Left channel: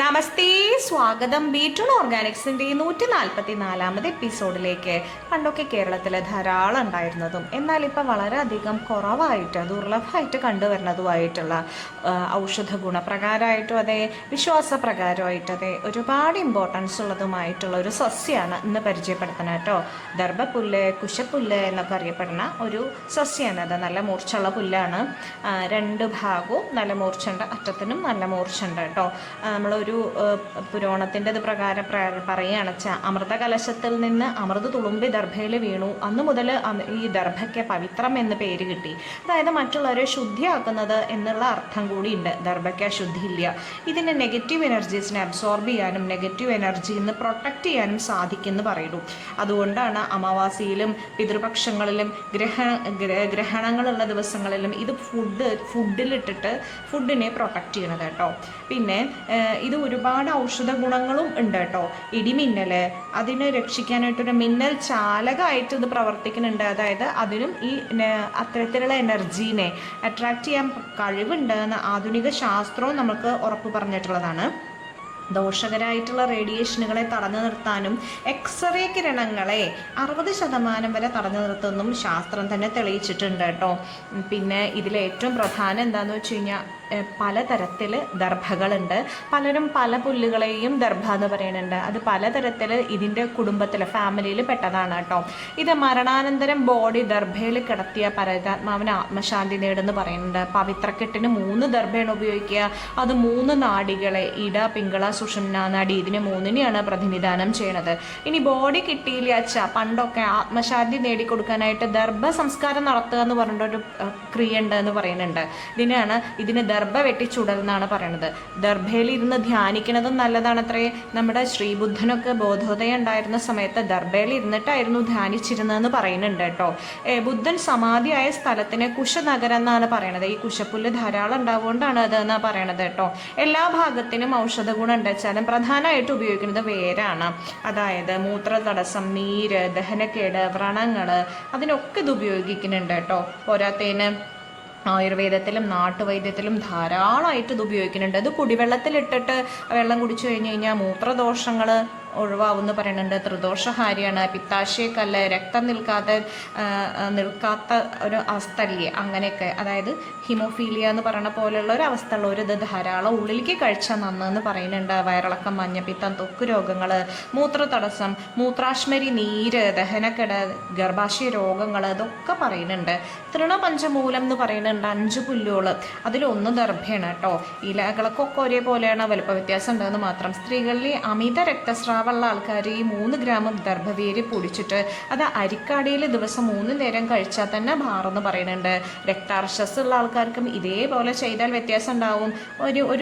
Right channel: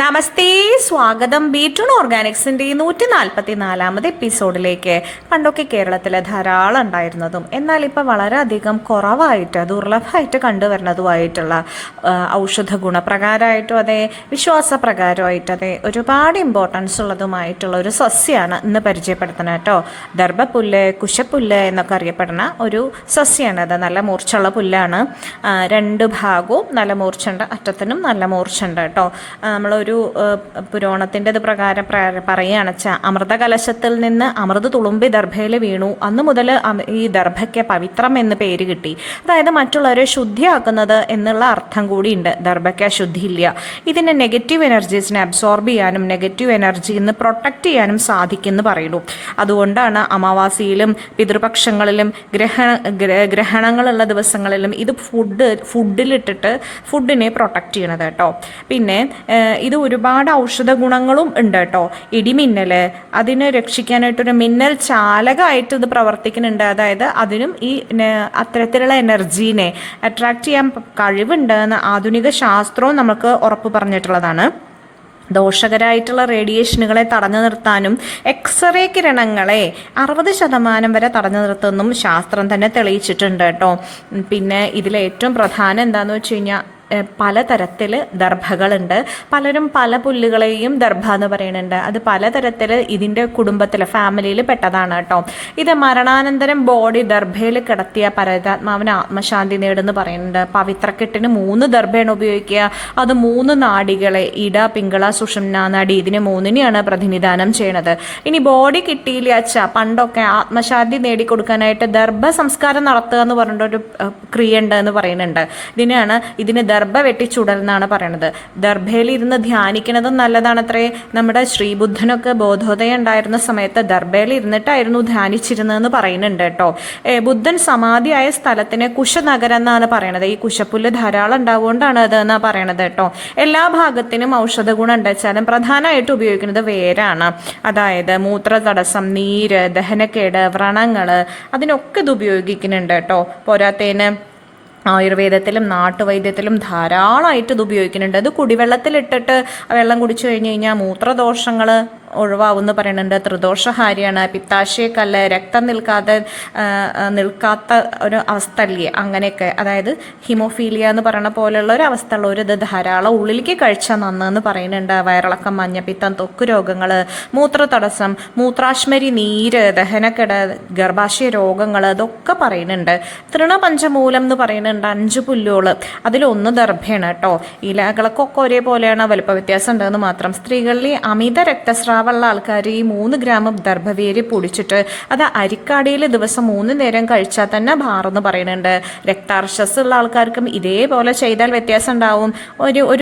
നമസ്തേ സ്വാഗതം. ബീറ്റൂൺ ഓർഗാനിക്സിന്റെ നൂറ്റി നാൽപ്പത്തി നാലാമത് എപ്പിസോഡിലേക്ക് പണ്ടൊക്കെ കേരളത്തിൽ ധാരാളം ഉണ്ടായിരുന്നതും എന്നാൽ ഇപ്പോൾ വളരെയധികം കുറവായിട്ട് ദുർലഭമായിട്ട് കണ്ടുവരുന്നതുമായിട്ടുള്ള ഔഷധ ഗുണപ്രകാരമായിട്ടും അതെ വിശ്വാസപ്രകാരമായിട്ട് അതെ ഒരുപാട് ഇമ്പോർട്ടൻസ് ഉള്ളതുമായിട്ടുള്ള ഒരു സസ്യമാണ് ഇന്ന് പരിചയപ്പെടുത്തുന്നത് കേട്ടോ. ദർഭപ്പുല്ല് കുശപ്പുല്ല് എന്നൊക്കെ അറിയപ്പെടുന്ന ഒരു സസ്യമാണ് അത്. നല്ല മൂർച്ചുള്ള പുല്ലാണ്. രണ്ട് ഭാഗവും നല്ല മൂർച്ചുണ്ട് അറ്റത്തിനും നല്ല മൂർച്ചുണ്ട് കേട്ടോ. ആ, നമ്മളൊരു പുരോണത്തിന്റെ ഇത് പ്രകാരം പ്ര- പറയുകയാണ് വെച്ചാൽ അമൃത കലശത്തിൽ നിന്ന് അമൃത് തുളുമ്പി ദർഭയിൽ വീണു. അന്ന് മുതൽ ഈ ദർഭയ്ക്ക് പവിത്രം എന്ന് പേര് കിട്ടി. അതായത് മറ്റുള്ളവരെ ശുദ്ധിയാക്കുന്നത് എന്നുള്ള അർത്ഥം കൂടിയുണ്ട്. ദർഭയ്ക്ക് അശുദ്ധിയില്ല ഇതിന് നെഗറ്റീവ് എനർജീസിനെ അബ്സോർബ് ചെയ്യാനും നെഗറ്റീവ് എനർജിയിൽ നിന്ന് പ്രൊട്ടക്റ്റ് ചെയ്യാനും സാധിക്കുമെന്ന് പറയുന്നു. അതുകൊണ്ടാണ് അമാവാസിയിലും പിതൃപക്ഷങ്ങളിലും ഗ്രഹ ഗ്ര- ഗ്രഹണങ്ങളുള്ള ദിവസങ്ങളിലും ഇത് ഫുഡ് ഫുഡിലിട്ടിട്ട് ഫുഡിനെ പ്രൊട്ടക്റ്റ് ചെയ്യണത് കേട്ടോ. പിന്നെ ഇത് ഒരുപാട് ഔഷധ ഗുണങ്ങളും ഉണ്ട് കേട്ടോ. ഇടിമിന്നൽ അതിനെ രക്ഷിക്കാനായിട്ടൊരു മിന്നൽ ചാലകമായിട്ട് ഇത് പ്രവർത്തിക്കുന്നുണ്ട്. അതായത് അതിനും ഈ അത്തരത്തിലുള്ള എനർജീനെ അട്രാക്റ്റ് ചെയ്യാൻ കഴിവുണ്ട് എന്ന് ആധുനിക ശാസ്ത്രവും നമുക്ക് ഉറപ്പ് പറഞ്ഞിട്ടുള്ളതാണ്. ദോഷകരായിട്ടുള്ള റേഡിയേഷനുകളെ തടഞ്ഞു നിർത്താനും എക്സ്റേ കിരണങ്ങളെ അറുപത് ശതമാനം വരെ തടഞ്ഞു നിർത്തുമെന്നും ശാസ്ത്രം തന്നെ തെളിയിച്ചിട്ടുണ്ട് കേട്ടോ. പിന്നെ ഇതിലേറ്റവും പ്രധാനം എന്താണെന്ന് വെച്ച് കഴിഞ്ഞാൽ പലതരത്തിൽ ദർഭകളുണ്ട്. പലരും പല പുല്ലുകളെയും ദർഭ എന്ന് പറയുന്നുണ്ട്. അത് പലതരത്തിൽ ഇതിന്റെ കുടുംബത്തിൽ ഫാമിലിയിൽ പെട്ടതാണ് കേട്ടോ. ഇത് മരണാനന്തരം ബോഡി ദർഭയിൽ കിടത്തിയ പരതാത്മാവിന് ആത്മശാന്തി നേടുന്നു പറയുന്നുണ്ട്. പവിത്രക്കെട്ടിന് മൂന്ന് ദർഭയാണ് ഉപയോഗിക്കുക. അത് മൂന്ന് നാടികളെ ഇട പിങ്കള സുഷുമ്ന നാടി ഇതിനെ മൂന്നിനെയാണ് പ്രതിനിധാനം ചെയ്യണത്. ഇനി ബോഡി കിട്ടിയില്ല അച്ഛ പണ്ടൊക്കെ ആത്മശാന്തി നേടിക്കൊടുക്കാനായിട്ട് ദർഭ സംസ്കാരം നടത്തുക എന്ന് പറഞ്ഞിട്ടൊരു ക്രിയ ഉണ്ട് എന്ന് പറയുന്നുണ്ട്. ഇതിനാണ് ഇതിന് ദർഭ വെട്ടിച്ചുടലെന്നാണ് പറയണത്. ദർഭയിൽ ഇരുന്ന് ധ്യാനിക്കുന്നതും നല്ലതാണത്രേ. നമ്മുടെ ശ്രീബുദ്ധനൊക്കെ ബോധോദയം ഉണ്ടായിരുന്ന സമയത്ത് ദർഭയിൽ ഇരുന്നിട്ടായിരുന്നു ധ്യാനിച്ചിരുന്നതെന്ന് പറയുന്നുണ്ട് കേട്ടോ. ബുദ്ധൻ സമാധിയായ സ്ഥലത്തിന് കുശനഗരം എന്നാണ് പറയണത്. ഈ കുശപ്പുല്ല് ധാരാളം ഉണ്ടാവുകൊണ്ടാണ് അത് എന്നാ പറയണത് കേട്ടോ. എല്ലാ ഭാഗത്തിനും ഔഷധ ഗുണം ഉണ്ടെച്ചാലും പ്രധാനമായിട്ട് ഉപയോഗിക്കുന്നത് വേരാണ്. അതായത് മൂത്ര തടസ്സം നീര് ദഹനക്കേട് വ്രണങ്ങൾ അതിനൊക്കെ ഇത് ഉപയോഗിക്കുന്നുണ്ട് കേട്ടോ. പോരാത്തേന് ആയുർവേദത്തിലും നാട്ടുവൈദ്യത്തിലും ധാരാളമായിട്ട് ഇത് ഉപയോഗിക്കുന്നുണ്ട്. അത് കുടിവെള്ളത്തിലിട്ടിട്ട് വെള്ളം കുടിച്ചു കഴിഞ്ഞ് കഴിഞ്ഞാൽ മൂത്രദോഷങ്ങൾ ഒഴിവാകുമെന്ന് പറയുന്നുണ്ട്. ത്രിദോഷഹാരിയാണ്. പിത്താശയക്കല്ല് രക്തം നിൽക്കാതെ നിൽക്കാത്ത ഒരു അവസ്ഥ അല്ലേ അങ്ങനെയൊക്കെ. അതായത് ഹിമോഫീലിയ എന്ന് പറയുന്ന പോലെയുള്ള ഒരു അവസ്ഥ ഉള്ളവർ ഇത് ധാരാളം ഉള്ളിലേക്ക് കഴിച്ചാൽ നന്നെന്ന് പറയുന്നുണ്ട്. വയറിളക്കം മഞ്ഞപ്പിത്തം തൊക്ക് രോഗങ്ങൾ മൂത്രതടസ്സം മൂത്രാശ്മരി നീര് ദഹനക്കെട് ഗർഭാശയ രോഗങ്ങൾ ഇതൊക്കെ പറയുന്നുണ്ട്. തൃണപഞ്ചമൂലം എന്ന് പറയുന്നുണ്ട് അഞ്ച് പുല്ലുകൾ അതിലൊന്ന് ദർഭയാണ് കേട്ടോ. ഇലകളൊക്കെ ഒരേപോലെയാണ്. വലുപ്പ വ്യത്യാസം ഉണ്ടെന്ന് മാത്രം. സ്ത്രീകളിൽ അമിത രക്തസ്രാവമുള്ള ആൾക്കാർ ഈ മൂന്ന് ഗ്രാം ദർഭവേര് പൊടിച്ചിട്ട് അത് അരിക്കാടിയിൽ ദിവസം മൂന്ന് നേരം കഴിച്ചാൽ തന്നെ ഭാറെന്ന് പറയുന്നുണ്ട്. രക്താർശസ് ഉള്ള ആൾക്കാർക്കും ഇതേപോലെ ചെയ്താൽ വ്യത്യാസം ഉണ്ടാവും. ഒരു ഒരു